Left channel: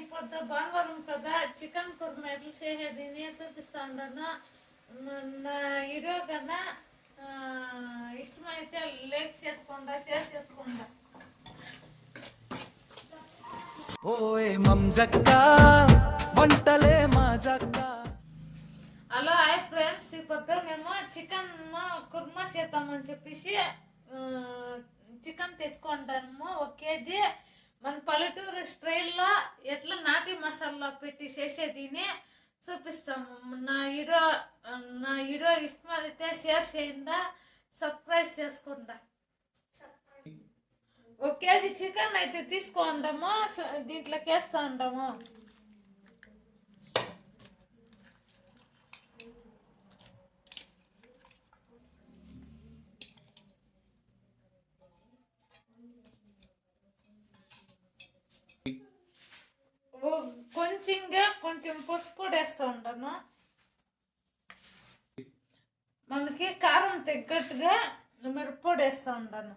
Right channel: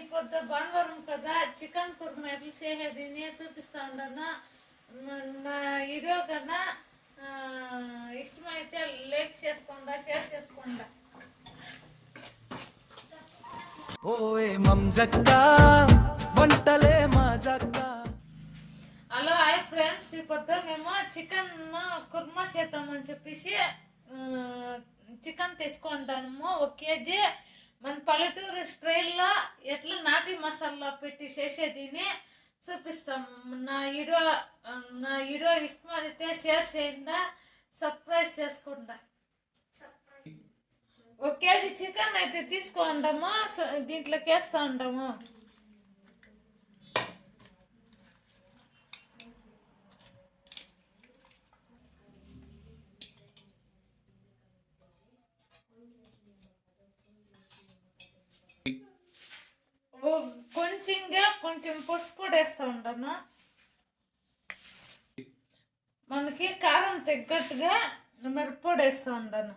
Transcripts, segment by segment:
ఈ పొద్దు బంగారం కదా చికెన్ కుర్మా ఎట్లా చేసేది? నేను చూపిస్తా ఉన్నాను నా వీడియో కదా ఇష్టమైతే లైక్ చేసుకోండా షేర్ చేసుకోండా. ఓయ్ మంజక్క వంటలే మాజక్క హలో హాయ్ ఫ్రెండ్స్. ఈ పొద్దు మేము చికెన్ కుర్మా చేద్దామని చెప్పేసి చికెన్ తెచ్చుకుంటాము ఒక కేజీ. మన పల్లెటూరు స్టైల్లో ఎట్లా నాటి మసాలా పెట్టి చేసేదిని చూపిస్తాము నా వీడియో నా వీడియో ఇష్టమైతే షేర్ చేయండి సబ్స్క్రైబ్ చేసుకుందా. ఒక కేజీ చికెన్ అయితే తీసుకుంటాము దీంట్లోకి వేస్తూ ఉంటాము కొంచెంగా కొంచెం పసుపు కూడా వేస్తూ ఉంటాను. మనకి కారం తగ్గట్టుగా మిరప్పొడి వేస్తూ ఉంటాను.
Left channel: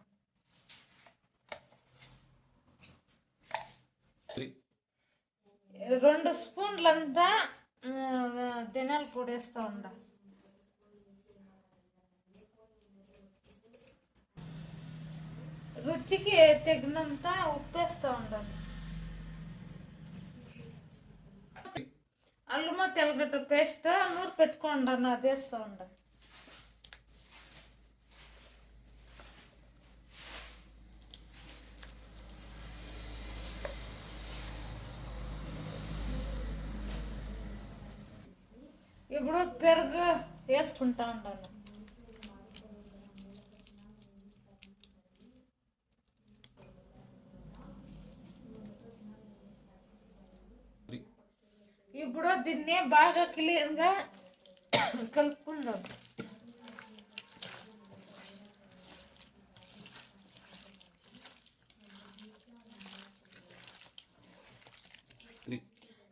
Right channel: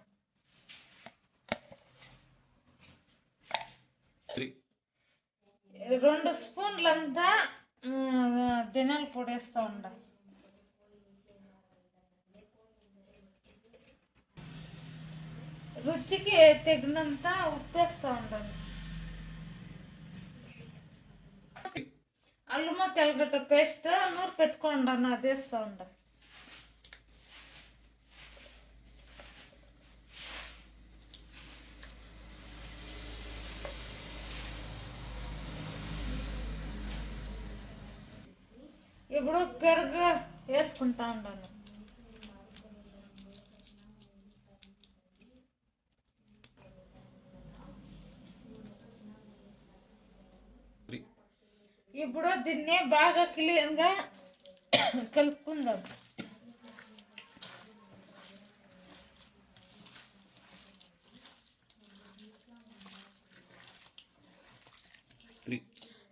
రెండు స్పూన్లంతా దినాల పొడి వేస్తూ ఉంటాను రుచికి తగినంత ఉప్పు వేస్తూ ఉండాలి అల్లము తెల్లగడ్డ పేస్ట్ నూరు పెట్టుకోండి అన్న అది వేస్తూ ఉండాలి ఇప్పుడు పెరుగు వేసుకుంటా ఉన్నాను ఇప్పుడు దీన్ని బాగా క్లీన్గా కలుపుకుందాం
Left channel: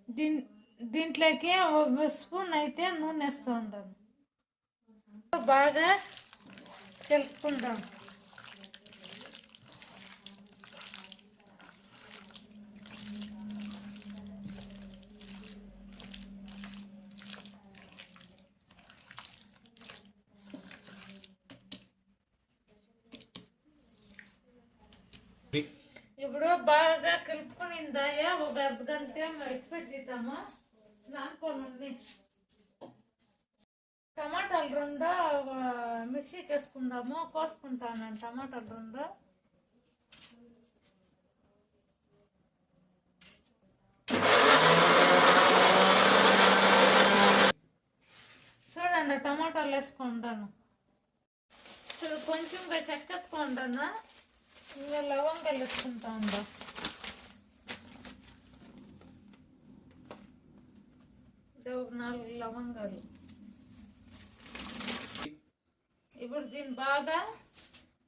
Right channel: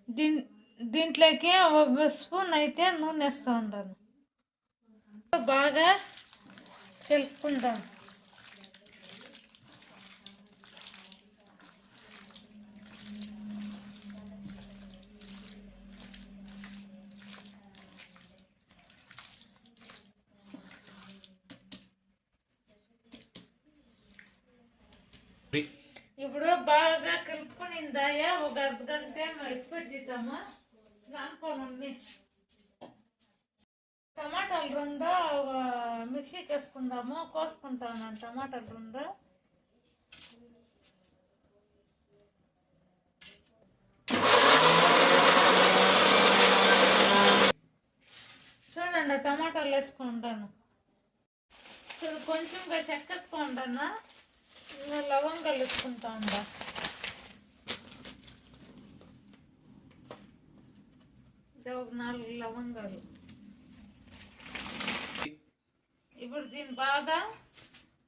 దీన్ దీంట్లోకి ఒక స్పూన్ అయితే నూనె వేస్తూ ఉంటాను బాగా కలుపుకుందాం ఇప్పుడు బాగా కలుపుకునిందాయా ఒక అర్ధ గంట ఎక్స్పెట్టిద్దాము దానికోనండి టమాటాలు రెండు ఒక మిక్సీకి వేసుకుందాము కోసుకుంటాను టమాటాలు రెండు. చూడండి టమాటాలు వేసుకుంటాను. ఇప్పుడు కొంచెం చెక్కెత్తుకుంటాను లవంగాలు వేసుకుంటా ఉందా ఒక నాలుగు లవంగాలు. ఇప్పుడు దీన్ని బాగా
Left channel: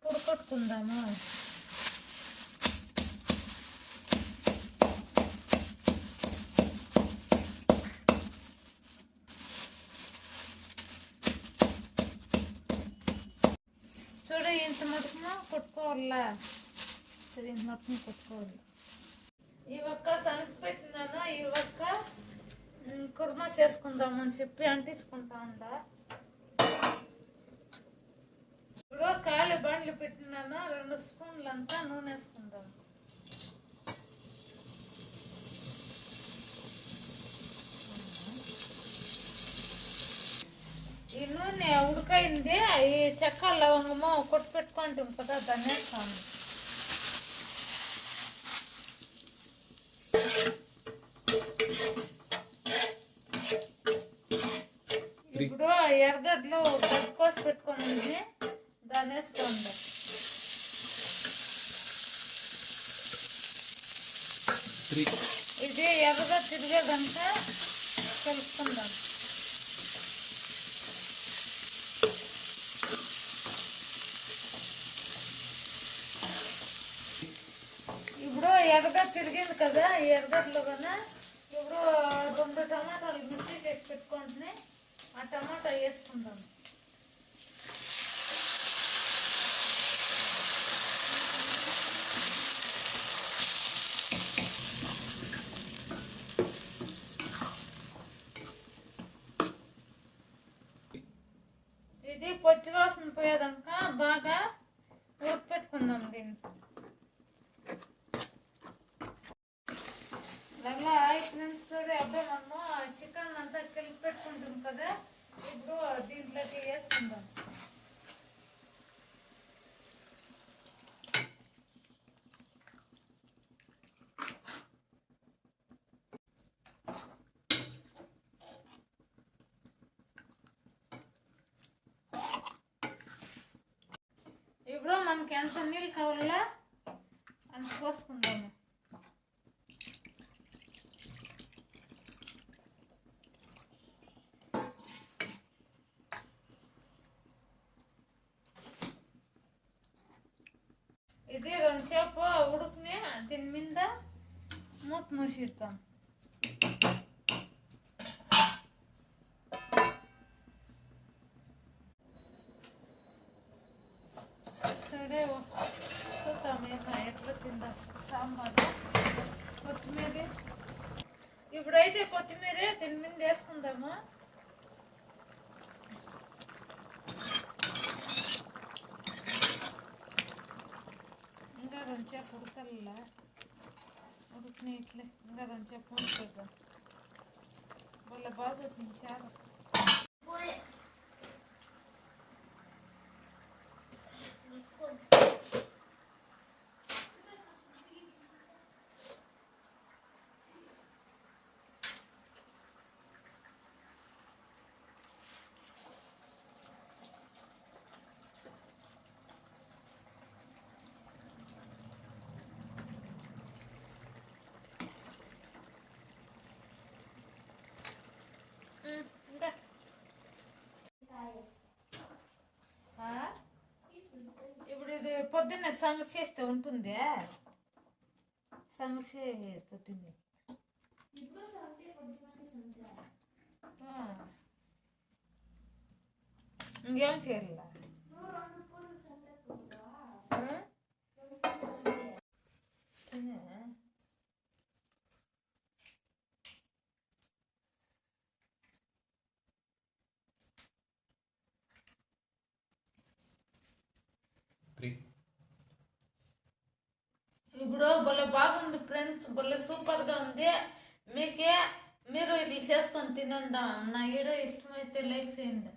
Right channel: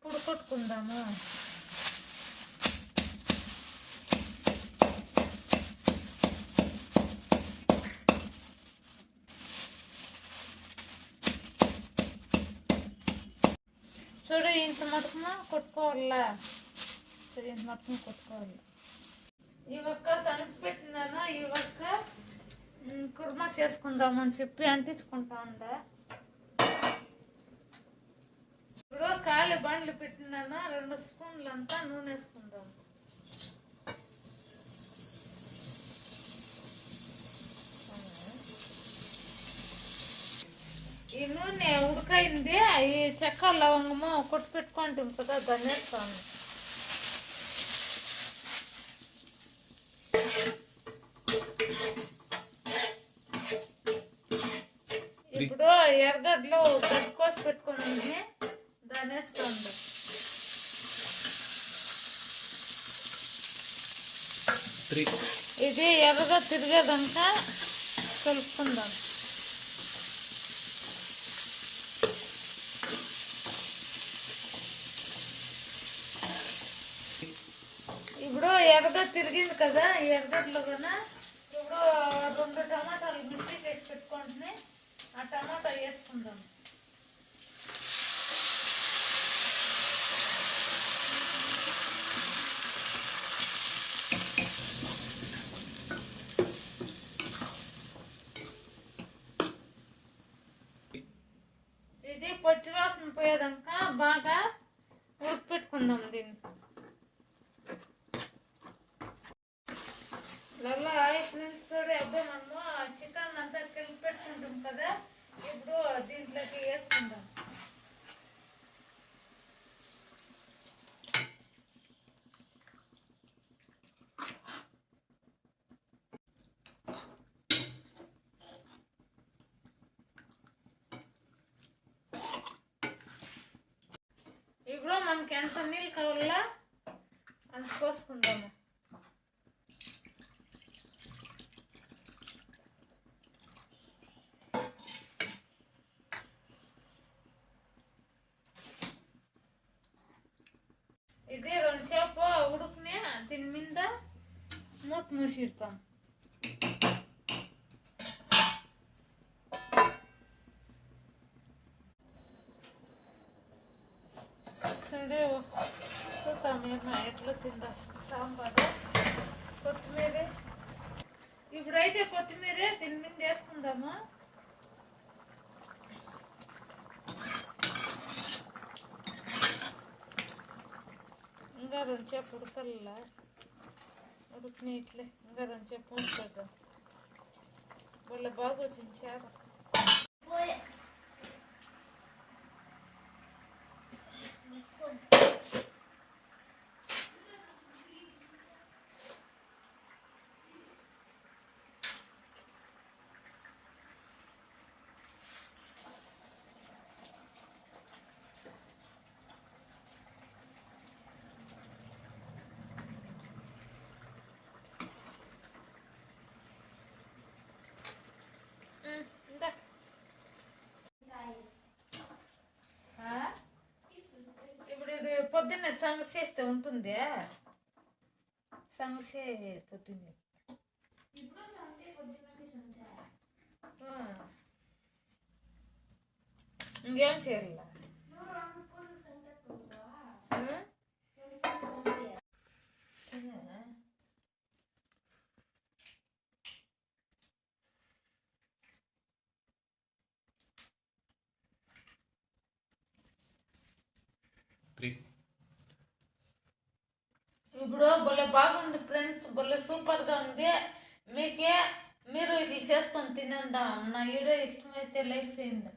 పుడకొట్టుకుందాము చూడు ఇంత మటుకున కొట్టుకోవాలా? సరే ఇంత మటుకున కొట్టుకోవాలి. ఈ ఒక్క పెట్టినాను? ఈ ఒక్క కుర్మా చేసుకుందామని చెప్పి అంటించుకుంటా ఉండ. ఇప్పుడు కాలి బండ్లు పెట్టినాను? రెండు స్పూన్లు అంతా నూనె వేసుకుందాం. ఈ నూనె ఉడకైంది ఈ చెక్క లవంగము కొట్టి పెట్టుకుంటాం కదా దాన్ని వేస్తాను ఇప్పుడు ఎర్రగడ్డలు గడ్డ కోసి పెట్టుకుని దాన్ని వేస్తుంది త్రీ. ఇది ఎర్రగా తిరిగేదంతా కలుపుకుందాం. ఇప్పుడు ఎర్రగా తిరిగింది కదా ఎర్రగడ్డలు కదా ఇప్పుడు రెండు టమాటాలు మిర్చి చేసి పెట్టుకుంటుని ఆ టమాటా వేసుకుందాం. ఇది పచ్చి వాసన పోయేదాకా బాగా ఉడిపెట్టుకుందాం దీన్ని. లల్లా ఇప్పుడు నుంచి చూడే అబ్బాయి మనం కదా ఇప్పుడు దీంట్లోకి వేసుకుందాం ఇప్పుడు మనకి ఎంత నీళ్ళు కావాలా అంత పోసుకుందాము ఇది రెండుసేపు ఉడుకునే దీని మీద మూత మూసిడతాం సరే చూద్దాం ఏమో ఎట్లా వచ్చిందో సాంబార్ కొత్తిమీర ఇప్పుడైతే కొత్తిమీర దీని మీద వేసుకుందాము ఇంకా రెండుసేపు ఉడకల్లా દુખને એટલે ગરમ છે ફોન કરતો બોલે બહુ જ છે పొద్దున్న సంగతి చేస్తే ఉంటుంది? సంగతి ఆ. ఇంకేం చేయాల ఫ్రెండ్స్ భలే సూపర్గా ఉంది. మీకే మీరు ఇట్లా చేసుకొని తినండి నా వీడియో ఇష్టమైతే లైక్ చేయండి.